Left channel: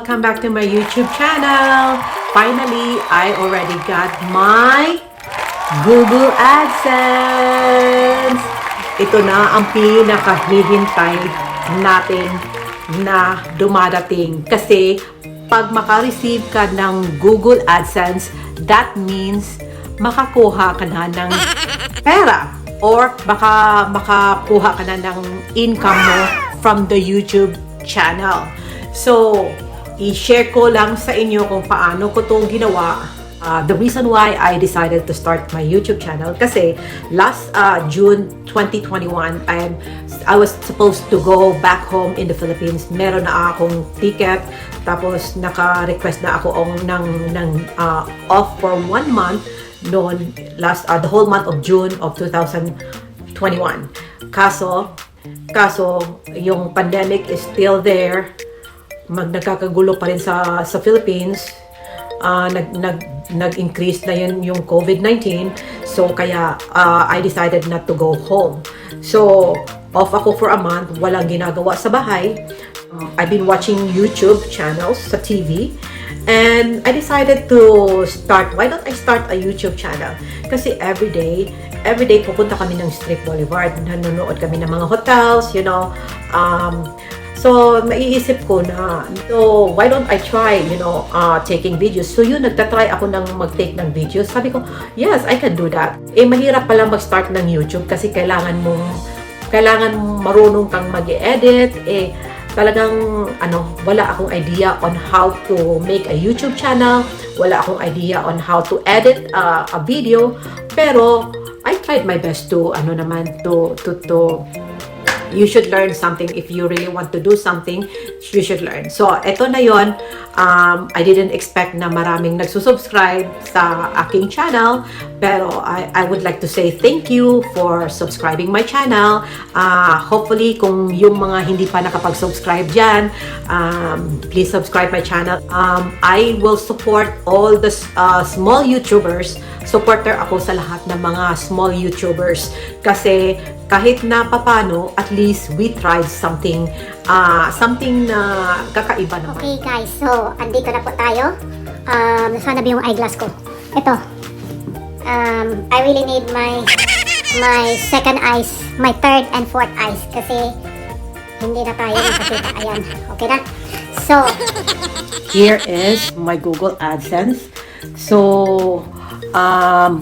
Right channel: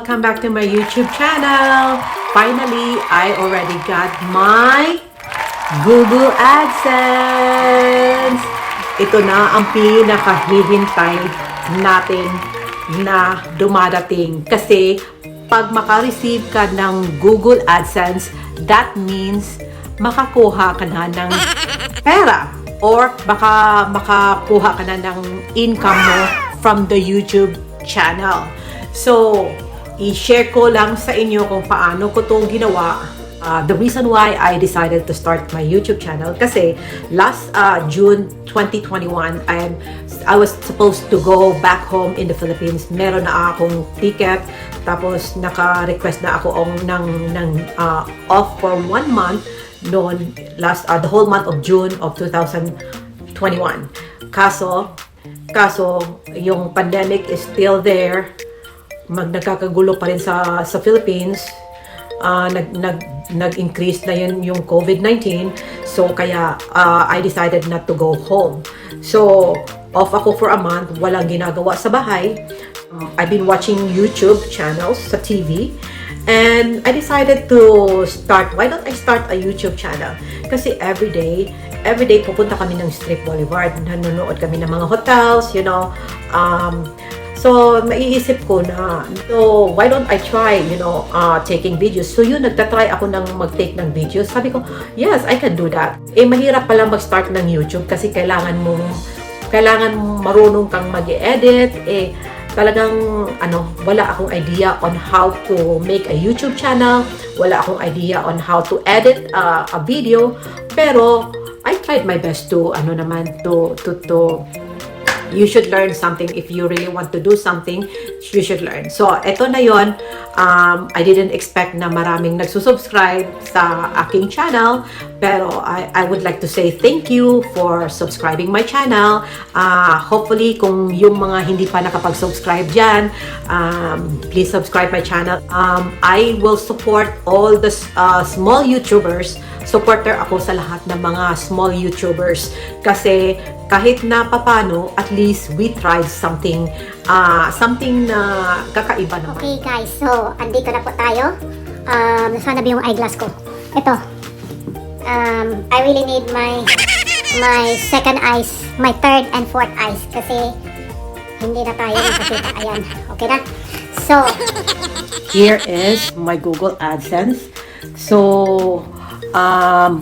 Welcome back to my YouTube channel. Finally, I already got my Google AdSense. Ito na ang pinakahihintay natin na dumadating. Kasi pag makareceive ka ng Google AdSense, that means makakuha ka na ng pera or baka makakuha ka na ng income mo from the YouTube channel. So, i-share ko lang sa inyo kung paano ko itong ginawa. The reason why I decided to start my YouTube channel kasi last June 2021, I was supposed to go back home in the Philippines. Meron na akong ticket, tapos naka-request na ako ng off for 1 month noon the whole month of June of 2021. Kaso yung pandemic is still there. Nagkakagulo pa rin sa Philippines. Nag-increase na yun yung COVID-19. So, kaya I decided not to go home. So, off ako for a month. Walang ginagawa sa bahay. I've been watching YouTube channels sa TV. And I decided to start, why don't I start a YouTube channel? Kasi everyday pupunta kami ng Strip Boulevard. Nanonood kami ng mga hotels, you know. So, naiisip ko na, so, why don't I try, taking videos? So, yun, nagtatry ako ng mag-take ng videos. Sabi ko, yes, I can do that. Mahirap pala mag-start ng YouTube kasi kailangan marunong kang mag-edit. Talagang, wala akong idea on how to make a YouTube channel. Wala akong idea on how to edit a video. Pero, I tried my best to, you should learn something. If you really want to do something, you should learn. So, eto na yon. I didn't expect na maraming nagsusubscribe sa aking channel. Pero, I would like to say thank you for subscribing my channel. Hopefully, kung yung mga hindi pa nakapag-subscribe dyan, please subscribe my channel. I will support all the small YouTubers. Supporter ako sa lahat ng mga small YouTubers. Kasi, kahit na papano, at least we tried something na kakaiba naman. Okay guys, so andito na po tayo. Nasaan na ba yung eyeglass ko? Ito. I really need my second eyes, my third and fourth eyes kasi hindi na tayo nakakita. Ayan, okay na? So, here is my Google AdSense. So,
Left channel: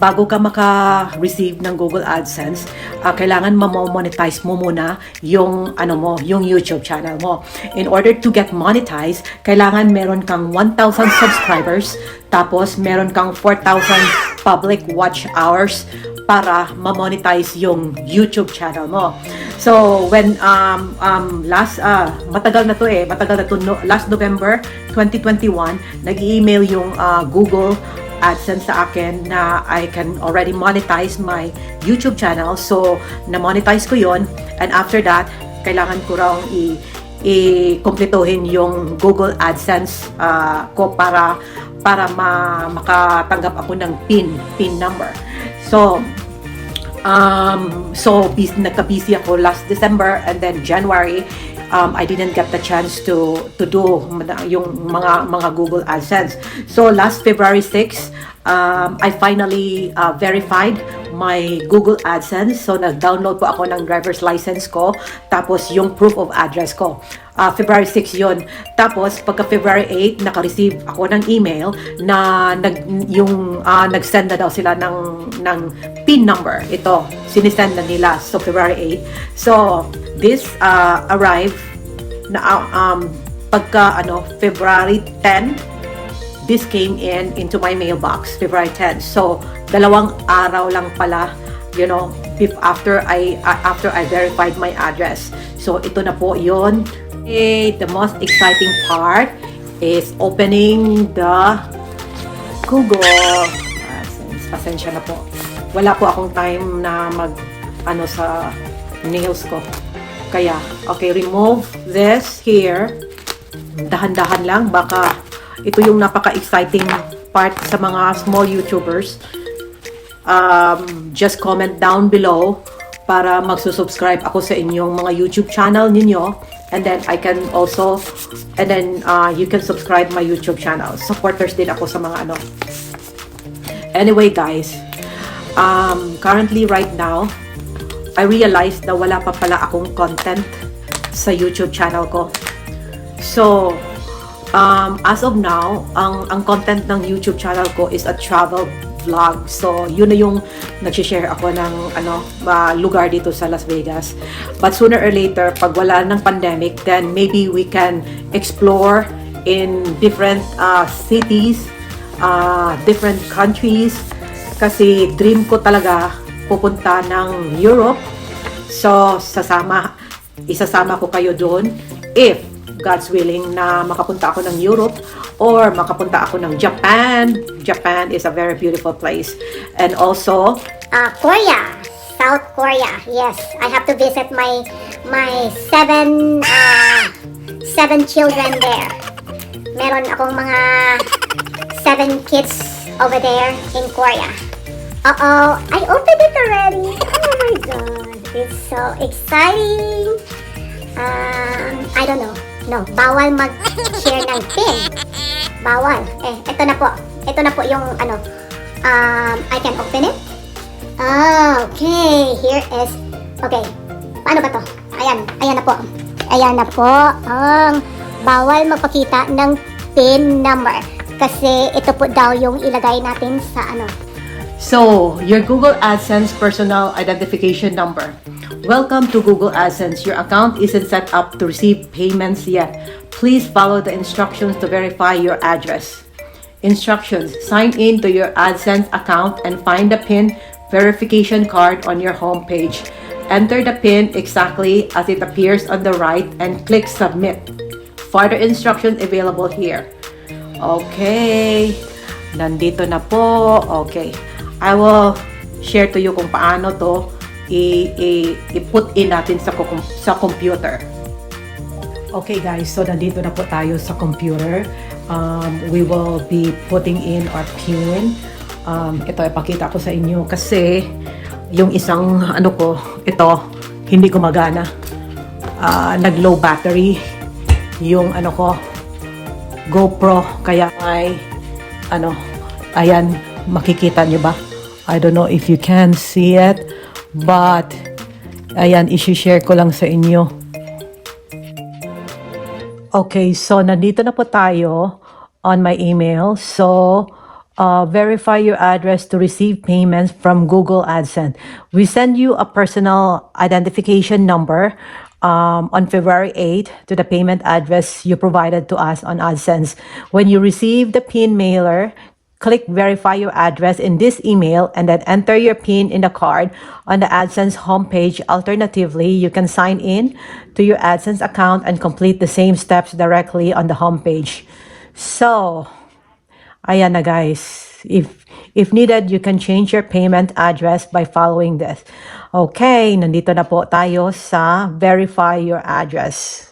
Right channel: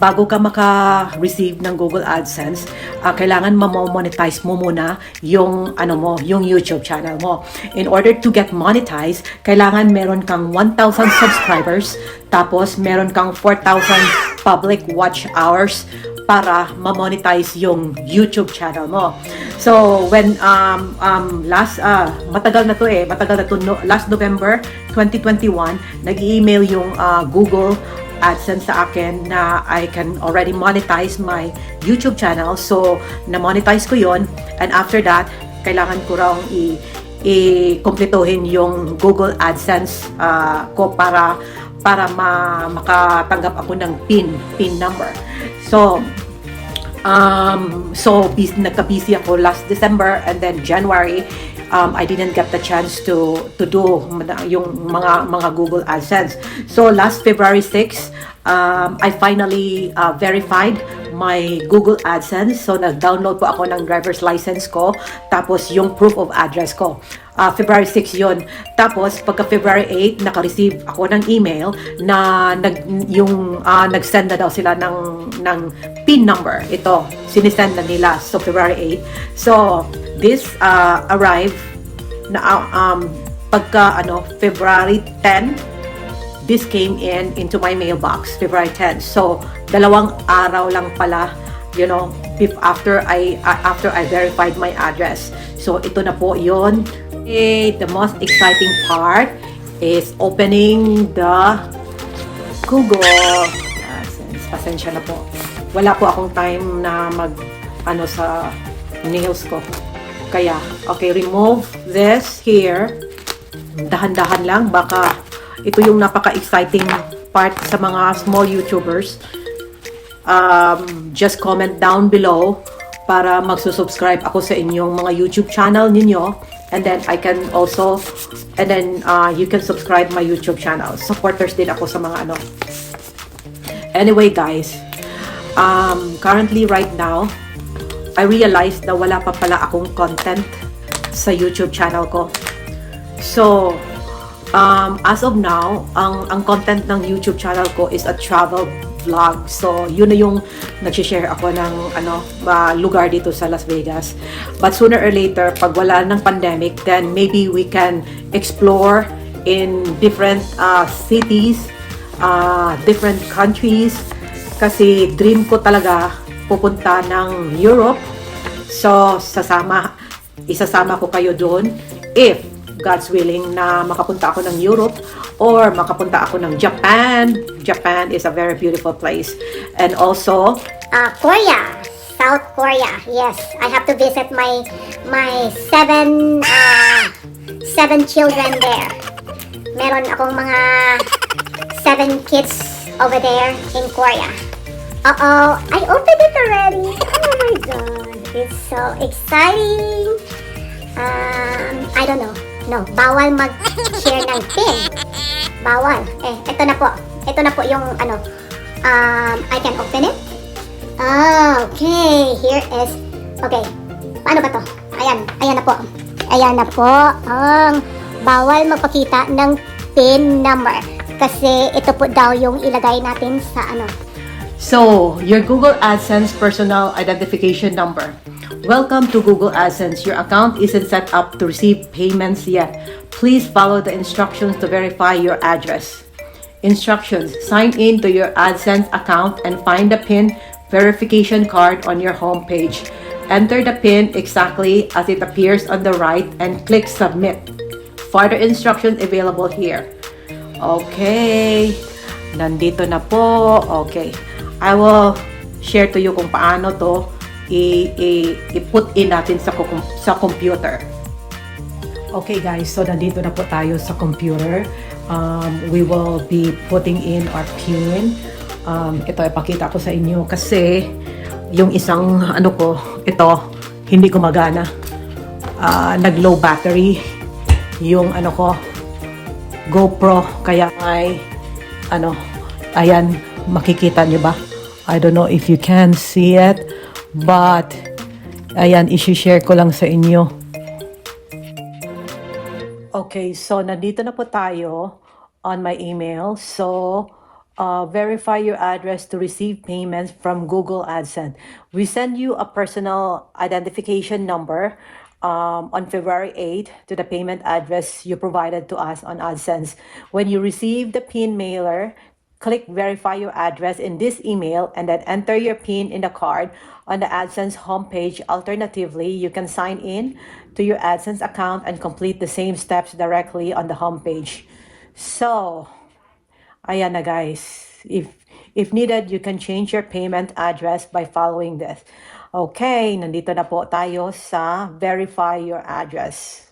bago ka maka-receive ng Google AdSense, kailangan ma-monetize mo muna yung yung YouTube channel mo. In order to get monetized, kailangan meron kang 1,000 subscribers, tapos meron kang 4,000 public watch hours para ma-monetize yung YouTube channel mo. So, when matagal na to last November 2021, nag-email yung Google AdSense sa akin na I can already monetize my YouTube channel. So, na-monetize ko yon, and after that, kailangan ko raw i-kumplituhin yung Google AdSense ko para makatanggap ako ng PIN number. So, nagka-busy ako last December, and then January, I didn't get the chance to do yung mga Google AdSense. So last February 6, I finally verified my Google AdSense. So nag-download po ako ng driver's license ko, tapos yung proof of address ko. February 6 yon. Tapos pagka February 8, naka-receive ako ng email na nag-send na daw sila ng PIN number. Ito, sinisend na nila. So February 8. So this arrived na pagka February 10, this came into my mailbox February 10. So 2 araw lang pala, after I verified my address. So ito na po yon. The most exciting part is opening the Google AdSense. Pasensya na po. Wala po akong time na sa nails ko. Kaya, okay, remove this here. Dahan-dahan lang. Baka ito yung napaka-exciting part sa mga small YouTubers. Just comment down below para magsusubscribe ako sa inyong mga YouTube channel ninyo. And then I can also, and then you can subscribe my YouTube channel. Supporters din ako sa mga ano. Anyway guys, currently right now, I realized na wala pa pala akong content sa YouTube channel ko. So, as of now, ang content ng YouTube channel ko is a travel vlog. So, yun na yung nagsishare ako ng lugar dito sa Las Vegas. But sooner or later, pag wala ng pandemic, then maybe we can explore in different cities, different countries. Kasi dream ko talaga pupunta ng Europe. So, isasama ko kayo doon if God's willing na makapunta ako ng Europe or makapunta ako ng Japan. Japan is a very beautiful place. And also, Korea, South Korea. Yes, I have to visit my seven children there. Meron akong mga 7 kids over there in Korea. Uh-oh, I opened it already. Oh my God, it's so exciting. I don't know. No, bawal mag-share ng pin. Bawal. Ito na po. Ito na po yung I can open it. Okay, here is, okay. Paano ba to? Ayan na po. Ayan na po. Bawal magpakita ng pin number. Kasi ito po daw yung ilagay natin sa so, your Google AdSense personal identification number. Welcome to Google AdSense. Your account isn't set up to receive payments yet. Please follow the instructions to verify your address. Instructions: sign in to your AdSense account and find the PIN verification card on your home page. Enter the PIN exactly as it appears on the right and click submit. Further instructions available here. Okay. Nandito na po. Okay. I will share to you kung paano to i-put in natin sa computer. Okay guys, so nandito na po tayo sa computer. We will be putting in our PIN. Ito ipakita ko sa inyo kasi yung isang ito hindi gumagana. Nag-low battery yung GoPro, kaya may ayan, makikita nyo ba? I don't know if you can see it, but ayan, isi-share ko lang sa inyo. Okay, so nandito na po tayo on my email. So, verify your address to receive payments from Google AdSense. We send you a personal identification number on February 8 to the payment address you provided to us on AdSense. When you receive the PIN mailer, click verify your address in this email and then enter your PIN in the card on the AdSense homepage. Alternatively, you can sign in to your AdSense account and complete the same steps directly on the homepage. So, ayan na guys. If needed, you can change your payment address by following this. Okay, nandito na po tayo sa verify your address.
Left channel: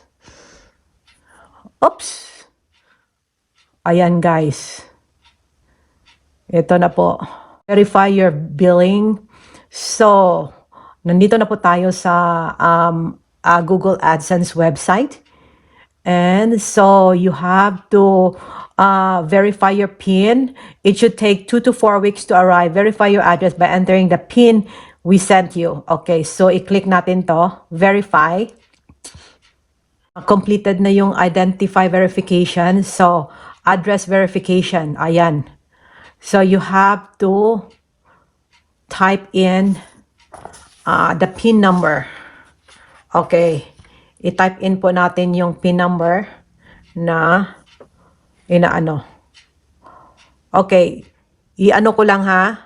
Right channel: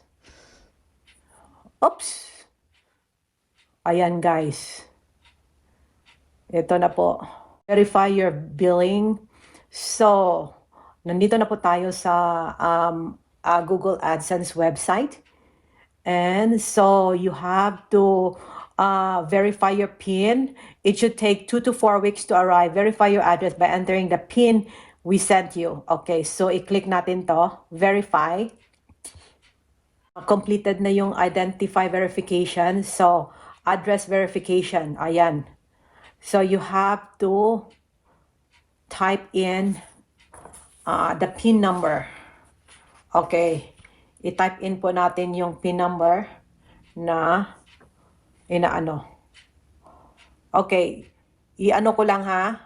Oops. Ayan guys. Ito na po. Verify your billing. So, nandito na po tayo sa Google AdSense website. And so, you have to verify your PIN. It should take 2 to 4 weeks to arrive. Verify your address by entering the PIN we sent you. Okay, so i-click natin to. Verify. Completed na yung identify verification. So, address verification. Ayan. So, you have to type in the PIN number. Okay. I-type in po natin yung PIN number na inaano. Okay. I-ano ko lang ha.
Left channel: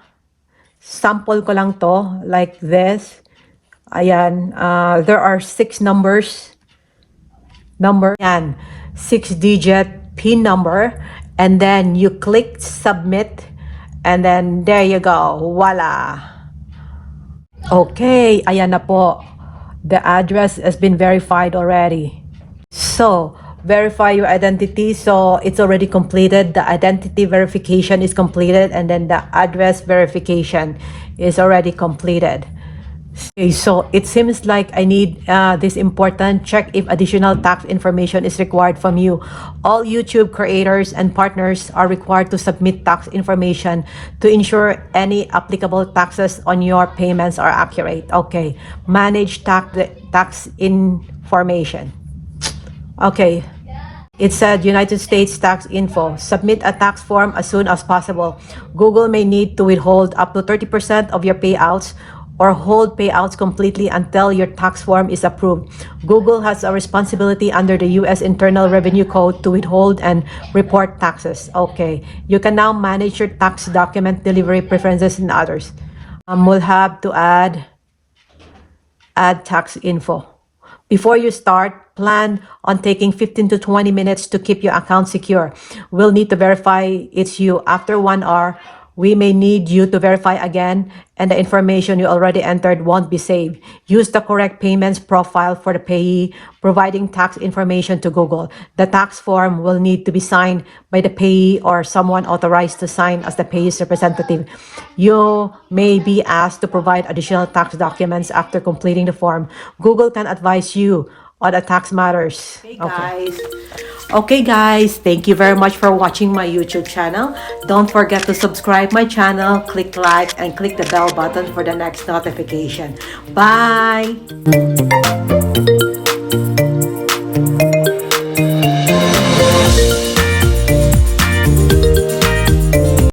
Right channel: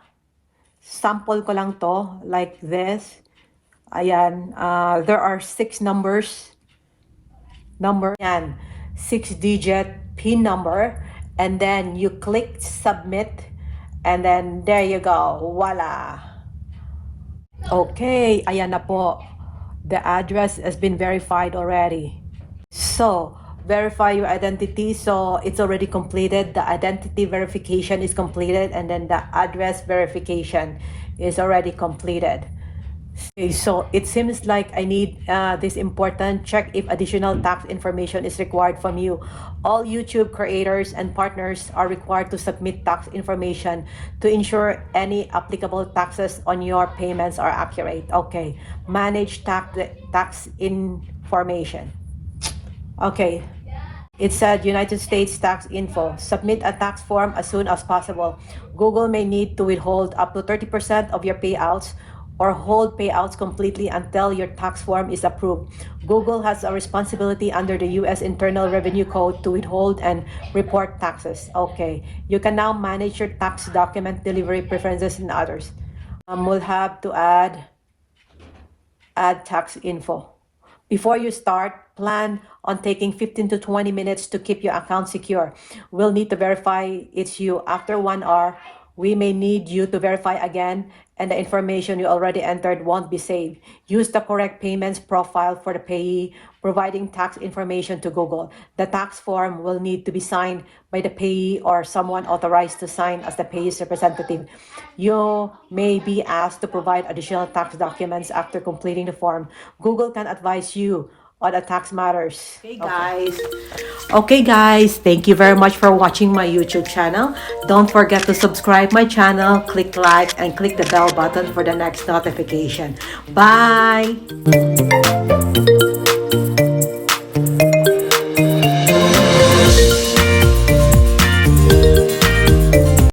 Sample ko lang to. Like this. Ayan. There are 6 numbers. Yan. 6-digit PIN number. And then you click submit. And then there you go. Voila. Okay. Ayan na po. The address has been verified already. So, verify your identity. So, it's already completed. The identity verification is completed. And then the address verification is already completed. Okay, so it seems like I need this important check if additional tax information is required from you. All YouTube creators and partners are required to submit tax information to ensure any applicable taxes on your payments are accurate. Okay, manage tax information. Okay, it said United States tax info. Submit a tax form as soon as possible. Google may need to withhold up to 30% of your payouts or hold payouts completely until your tax form is approved. Google has a responsibility under the U.S. Internal Revenue Code to withhold and report taxes. Okay, you can now manage your tax document delivery preferences and others. We'll have to add tax info. Before you start, plan on taking 15 to 20 minutes to keep your account secure. We'll need to verify it's you. After 1 hour, we may need you to verify again, and the information you already entered won't be saved. Use the correct payments profile for the payee, providing tax information to Google. The tax form will need to be signed by the payee or someone authorized to sign as the payee's representative. You may be asked to provide additional tax documents after completing the form. Google can advise you on the tax matters. Okay guys, thank you very much for watching my YouTube channel. Don't forget to subscribe my channel, click like, and click the bell button for the next notification. Bye!